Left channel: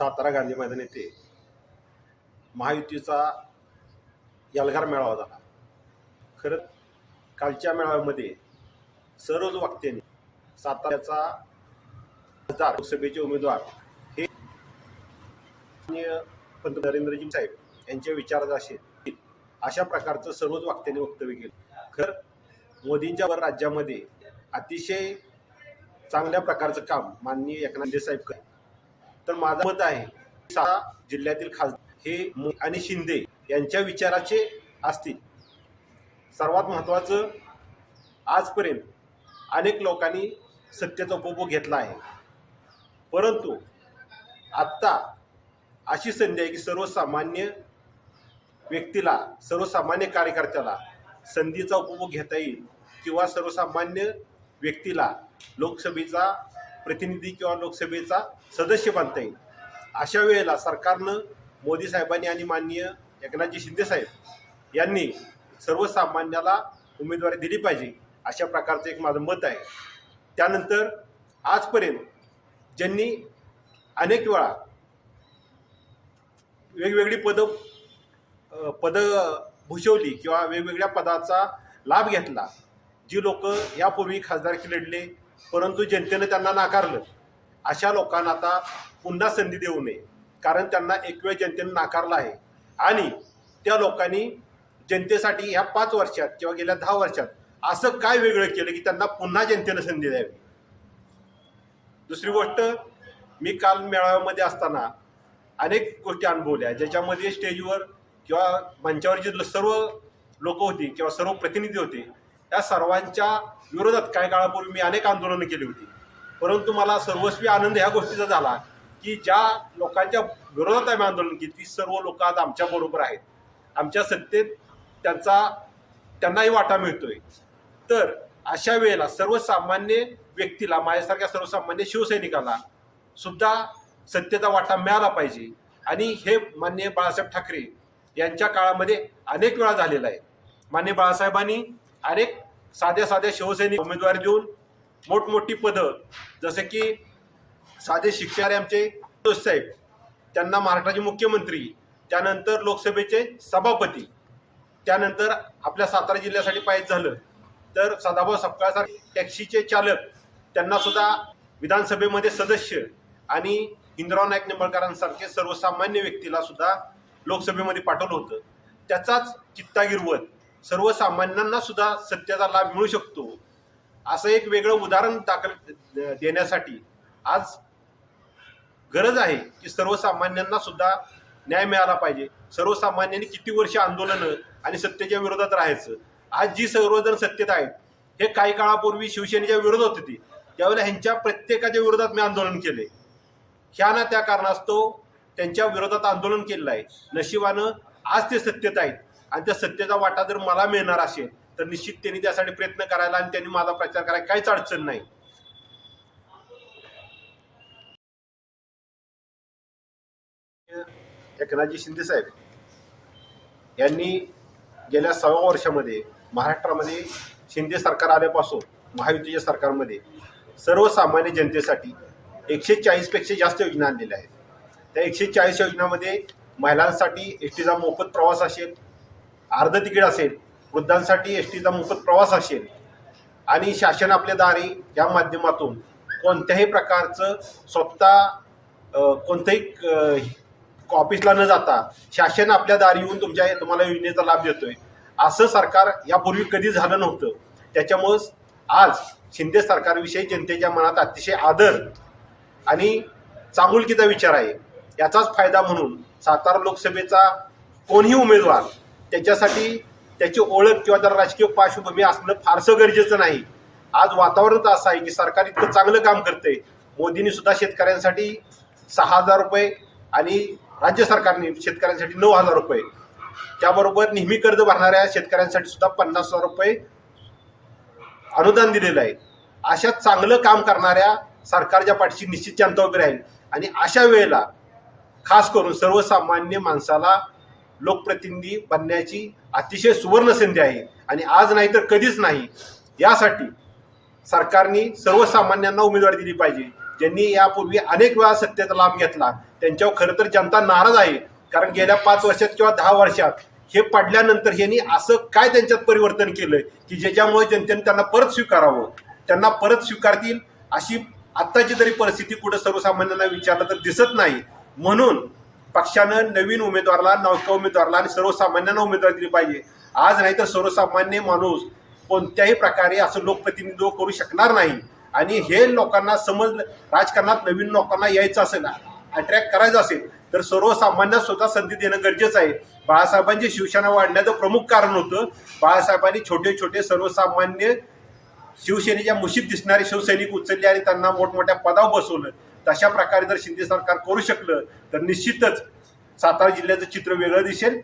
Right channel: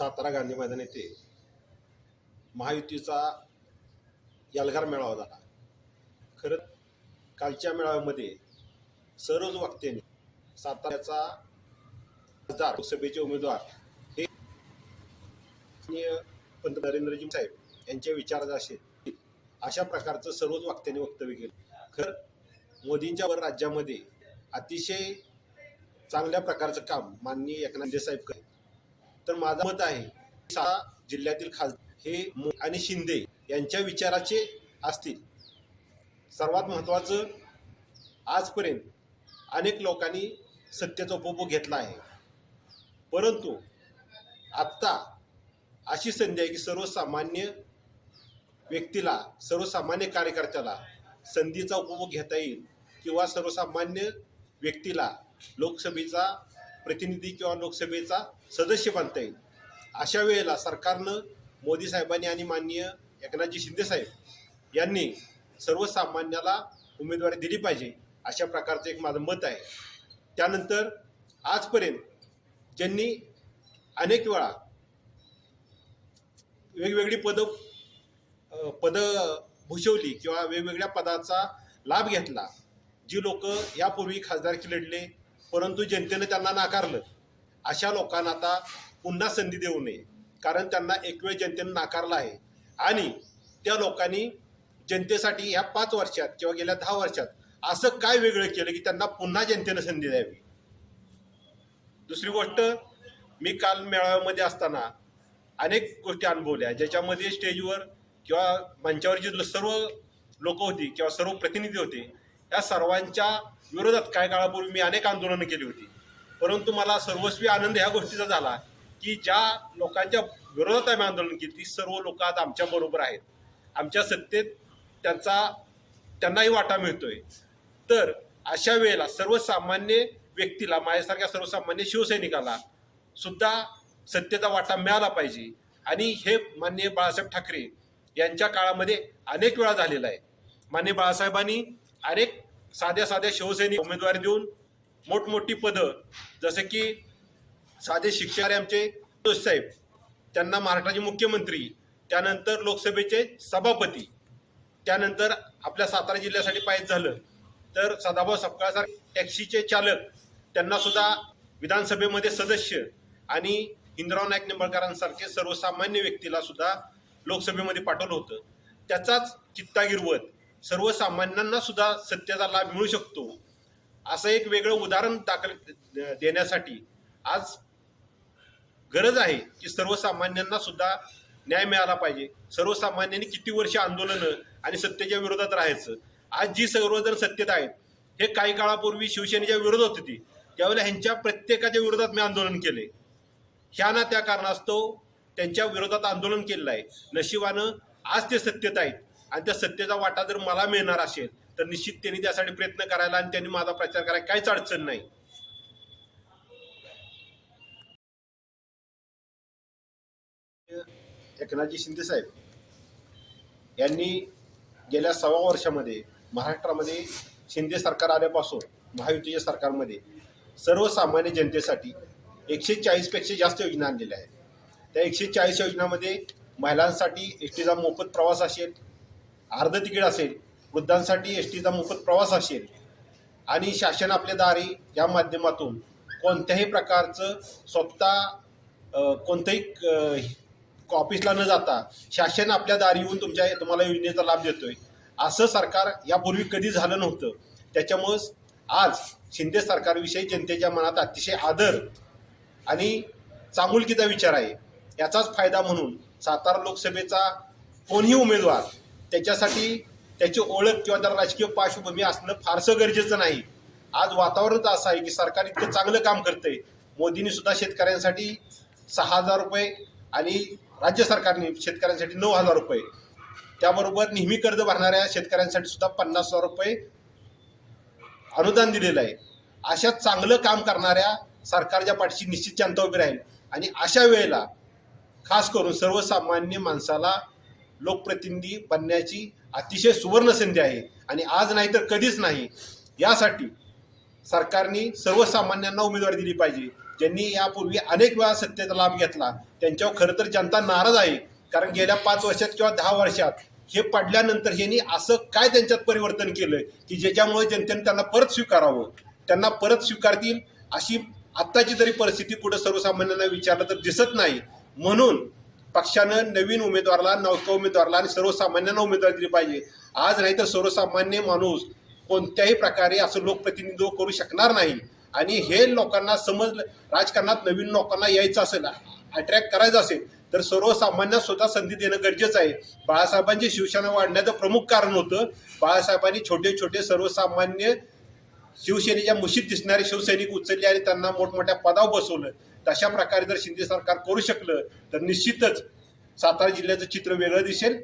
सातारा गांधी मैदान येथे महायुतीचा यलगार मेळावा झाला. खरं कालच्या मेळाव्यामध्ये सर्वच वक्त्यांनी साताऱ्याचा खासदार लोकसभेचे उमेदवार हे पंतप्रधान नरेंद्रजी साहेब यांच्या विचारात असेल अशा प्रकारचं सर्वच वक्त्यांनी वक्तव्य केलं. खरं मोदींच्या वर राज्यामध्ये अतिशय चांगल्या प्रकारचं काम माननीय एकनाथ साहेब करतात. तर माझं मत आहे जिल्ह्यातील खासदार हे आणि शिंदे यांच्या विचाराचे असतील. सर्वात महत्त्वाचं आजपर्यंत अनेक लोकांनी सत्तेचा उपभोग घेतला आहे. परंतु आत्ता अशी संधी आहे की सर्वसामान्य व्यक्तीला सर्वसामान्य कार्यकर्त्याला संधीचा उपभोग घेता येईल किंवा सर्वसामान्य व्यक्तीला लोकसभेचा प्रतिनिधी किंवा लोकसभेचा सदस्य बनता येईल. अशा वेळेला सरकारनं मोदी साहेबांनी आणि माननीय एकनाथजी शिंदे साहेब यांनी सर्वसामान्याला उमेदवारी दिली पाहिजे अशा प्रकारचं एक माझं मत आहे. त्यानंतर आजपर्यंत ज्यांनी अनेक वेळा वेगवेगळी पदं पदं भूषवली किंवा वेगवेगळ्या पदाचा लाभ घेतला जी लोक यापूर्वी खासदारकी लढले परंतु जनतेनं त्यांना नाकारलं. अशा लोकांना आता पुन्हा संधी देऊ नये. कारण त्यांना एक वेळ जनतेनं नाकारलं आहे. आणि त्या लोकांनी जनतेसाठी ह्या पाच वर्षात किंवा गेल्या दहा वर्षात असं काय वेगळं केलं की त्यांना पुन्हा जनतेनं संधी द्यावी? दुसरी गोष्ट मी काल मेळाव्यामध्ये असताना अनेक गोष्टी अनुभवल्या. ज्याच्यामध्ये स्टेजवर किंवा मंचावर जी सर्व लोक होती किंवा सर्व प्रतिनिधी होते या सर्वांच्या विरोधात काही काळापूर्वी मी अनेक आंदोलनं केली होती. परंतु मला सर्वस्वी आनंद ह्या गोष्टीचा झाला की ज्या लोकांच्या विरोधात आम्ही आंदोलन केली ती सर्व लोक आज आमच्या बरोबर आहेत. आमच्या सत्तेत त्यांचा त्यांनाही वाटा मिळतोय. तर अशा वेळेला सर्वसामान्य व्यक्तीला माझ्यासारख्या सर्वसामान्य शिवसैनिकाला सुद्धा सत्तेचा वाटा मिळाला पाहिजे. आणि हे माननीय बाळासाहेब ठाकरे यांच्या काळामध्ये अनेक वेळा झालेला आहे. माननीय बाळासाहेबांनी अनेक साध्या साध्या शिवसैनिक उमेदवारी देऊन मोठमोठी पदं जसे की साधे शिक्षारे आमचे साहेब त्यांना महाराष्ट्राचे मुख्यमंत्री त्यानंतर लोकसभेचे सभापती त्यानंतर आपल्या सातारा जिल्ह्यासाठी पाहिजे झालं तर सदाभाऊ सपकाळसारखे टॅक्सीचे चालक त्यांना सुद्धा विधानसभेमध्ये सदस्य आणि इंद्राव नाईक निंबाळकरांसारखे सर्वसामान्य व्यक्तीला सुद्धा लोकसभेमध्ये पाठवलं होतं. त्याचाच चित्ता गिरवत सर्वसामान्यांना सुद्धा सत्याचा लाभ मिळू शकतो. असं एक वेगळं उदाहरण दाखल देण्यासाठी आज गरज आहे की सर्वसामान्यांना सुद्धा न्याय मिळाला पाहिजे. सर्वसामान्यांनी किती वर्ष आंदोलनं आणि सत्तेच्या विरोधात राहायचं? आज जी सर्वजण सत्तेत आहेत हे काही काळापूर्वी शिवसेनेच्या विरोधात होती त्यावेळेला ह्यांच्या प्रत्येकाच्या विरोधात मी आंदोलन केले ह्या ना त्या कारणास्तव त्यांच्या विरोधात आंदोलन केलेलं आहे. नशिबानं आज ते सत्तेत आहेत. आणि त्या सत्तेचा वाटा जर मला मिळणार असेल तर निश्चित त्यांनी त्यासाठी प्रयत्न करायला आणि त्यांनी माझा प्रचार करायला काहीच अडचण नाही. एकनाथजी शिंदे साहेब यांनी गेल्या सव्वा वर्षामध्ये महाराष्ट्रामध्ये शिंदे सरकार आल्यापासून महायुतीच्या सरकारमध्ये सर्वसामान्य जनतेसाठी एकशे चाळीसपेक्षा जास्त योजना आणलेल्या आहेत. त्या एकशे चाळीस योजनामध्ये महिलांसाठी एस टीचा मोफत प्रवास असेल अर्ध तिकीट असेल वृद्धांसाठी एस टीचा मोफत प्रवास असेल आणि शासन आपल्या दारी या माध्यमातून कोणत्याही प्रकारचं स्वतः कोणत्याही ऑफिसला न जाता शासन आपल्या दारी येऊन तुमच्या तुम्हाला योजनेचा लाभ देतोय. असं सरकार यापूर्वी कधी झालं नव्हतं. त्याच्यामुळं आज शिंदे सरकारविषयी जनतेच्या मनात अतिशय आदर आणि चांगुलकीचा विचार आहे. याचाच फायदा म्हणून सातारा लोकसभेचा कोणीही उमेदवार त्याच्यासाठी त्याची ओळख किंवा त्याला राजकीय पार्श्वभूमी असणं फारसं गरजेचं नाही. आज वातावरणच असं आहे की सरकार इतकं चांगलं काम करतंय. मोदींनी सुद्धा शेतकऱ्यांसाठी सहा हजार रुपये आणि राज्य सरकारने शेतकऱ्यांसाठी नऊ हजार रुपये. त्याबरोबर नेहमी कर्ज भरणाऱ्या शेतकऱ्यांसाठी सुद्धा पन्नास हजार रुपये अनुदान दिलेलं आहे. अशा चांगलं काम करणाऱ्या सरकारच्या पाठीशी निश्चित जनता उभी राहील. आणि अशा वेळेला खास करून सर्वसामान्य माणसाला लोकप्रतिनिधी बनण्याची अतिशय सुवर्ण संधी आहे. आणि आज नाही तर कधीच नाही. यासाठी सरकारने सर्वसामान्यांना उमेदवारी दिली पाहिजे. ज्यांनी यापूर्वी अनेक वेळा सत्तेचा लाभ घेतला. त्यांच्यावर खरं तर जनता नाराज आहे. कारण गेल्या पाच वर्षात किंवा दहा वर्षात हे पडल्यानंतर यांनी असं काय त्यांच्यात परिवर्तन केलं की ज्याच्यामुळे जनतेने त्यांना परत स्वीकारावं? त्यांना परत स्वीकारतील अशी आत्ताची तरी परिस्थिती कुठं सर्वसामान्यांना विचारलं तर दिसत नाही. म्हणून पक्षानं नवीन उमेदवाराला नौका उमेदवाराला आणि सर्वसामान्यांना उमेदवार दिली पाहिजे. आज नाही तर सर्वसामान्य माणूस कोणत्याही प्रकारे असं लोकप्रतिनिधित्व करू शकणार नाही. आणि हे लोकांना समजलं राजकारणात नवीन लोकांना यायचं असेल अट्रॅक्ट करायचं असेल तर सर्वसामान्यांना स्वतः संधी देणं गरजेचं आहे. बाळासाहेबांची शिवसेना वाढण्याचं प्रमुख कारण होतं बाळासाहेबांनी छोटे छोटे सर्वसामान्य शिवसेनेच्या मुशीत दिसणारे शिवसैनिक उचलले आणि त्यांना मोठमोठ्या पदावर बसवलं. तशा प्रकारे जर शिंदे सरकार करू शकलं तर निश्चितच सातारा जिल्ह्याचं चित्र वेगळं दिसेल.